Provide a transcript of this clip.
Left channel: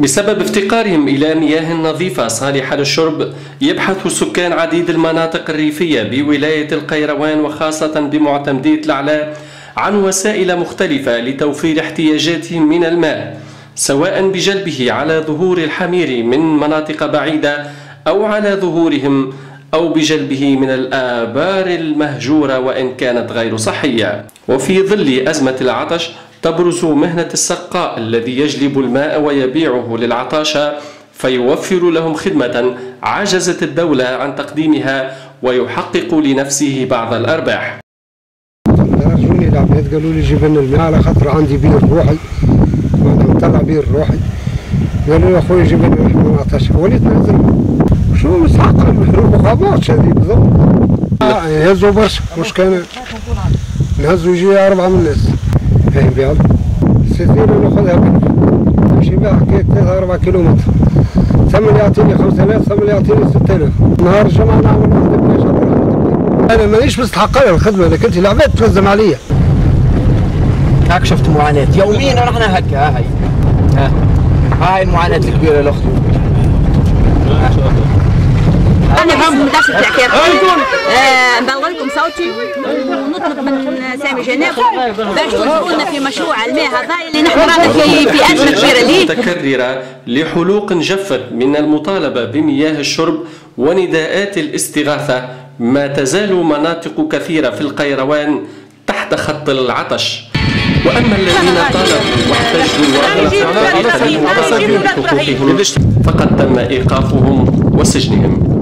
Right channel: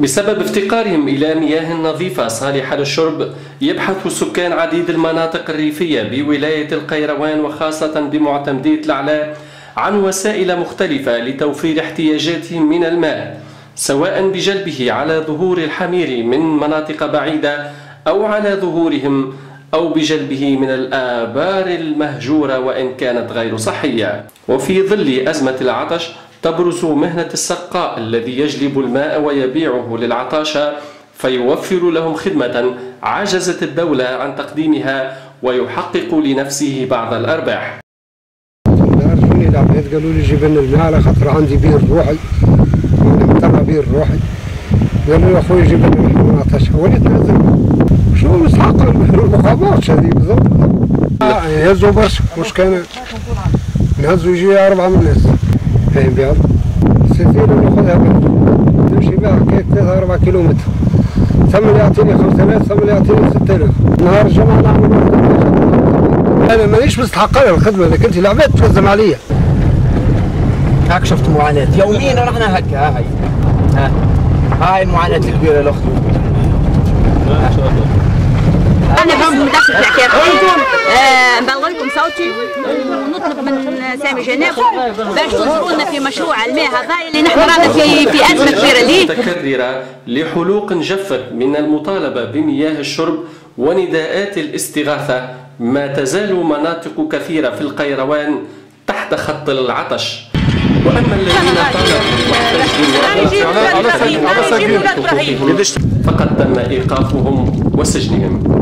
بسبب افتقارهم إلى مياه نظيفة صالحة للشرب، يبحث سكان عديد المناطق الريفية بولاية القيروان وخاصة بمعتمدية العلاء عن وسائل مختلفة لتوفير احتياجاتهم من الماء، سواء بجلبه على ظهور الحمير من مناطق بعيدة أو على ظهورهم أو بجلبه من الآبار المهجورة وإن كانت غير صحية. وفي ظل أزمة العطش تبرز مهنة السقاء الذي يجلب الماء ويبيعه للعطاشة فيوفر لهم خدمة عجزت الدولة عن تقديمها ويحقق لنفسه بعض الأرباح. رجوني العباد قالوا لي جيب لنا الماء على خاطر عندي بير روحي وانا مطلع بير روحي، قالوا لي اخويا جيب لنا نحن عطاشة، وليت نعزل شو مستحق المخابرات هذه بالضبط. يهزوا برشا، مش كان نهزوا يجي 4 من الناس فاهم بيها السفينة ناخذها بلف نمشي بها حكاية 3-4 كيلومتر، ثم اللي يعطيني 5000 ثم اللي يعطيني 6000 نهار الجمعة نعمل واحدة بلاش على رحمة الله. أنا مانيش مستحق لها الخدمة لكن أنت العباد تلزم عليا. هاك شفت معاناة يوميا ونحن هكا هاي المعاناة الكبيرة الأخت. أنا باسم مدرسة العكاقين نبلغ لكم صوتي ونطلب من سامي جناب باش تنظرونا في مشروع الماء هذا اللي نحن رانا في أزمة كبيرة ليه. متكررة لحلوق جفت من المطالبة بمياه الشرب ونداءات الاستغاثة، ما تزال مناطق كثيرة في القيروان تحت خط العطش. وأما الذين طالبوا واحتجوا فقد تم إيقافهم وسجنهم.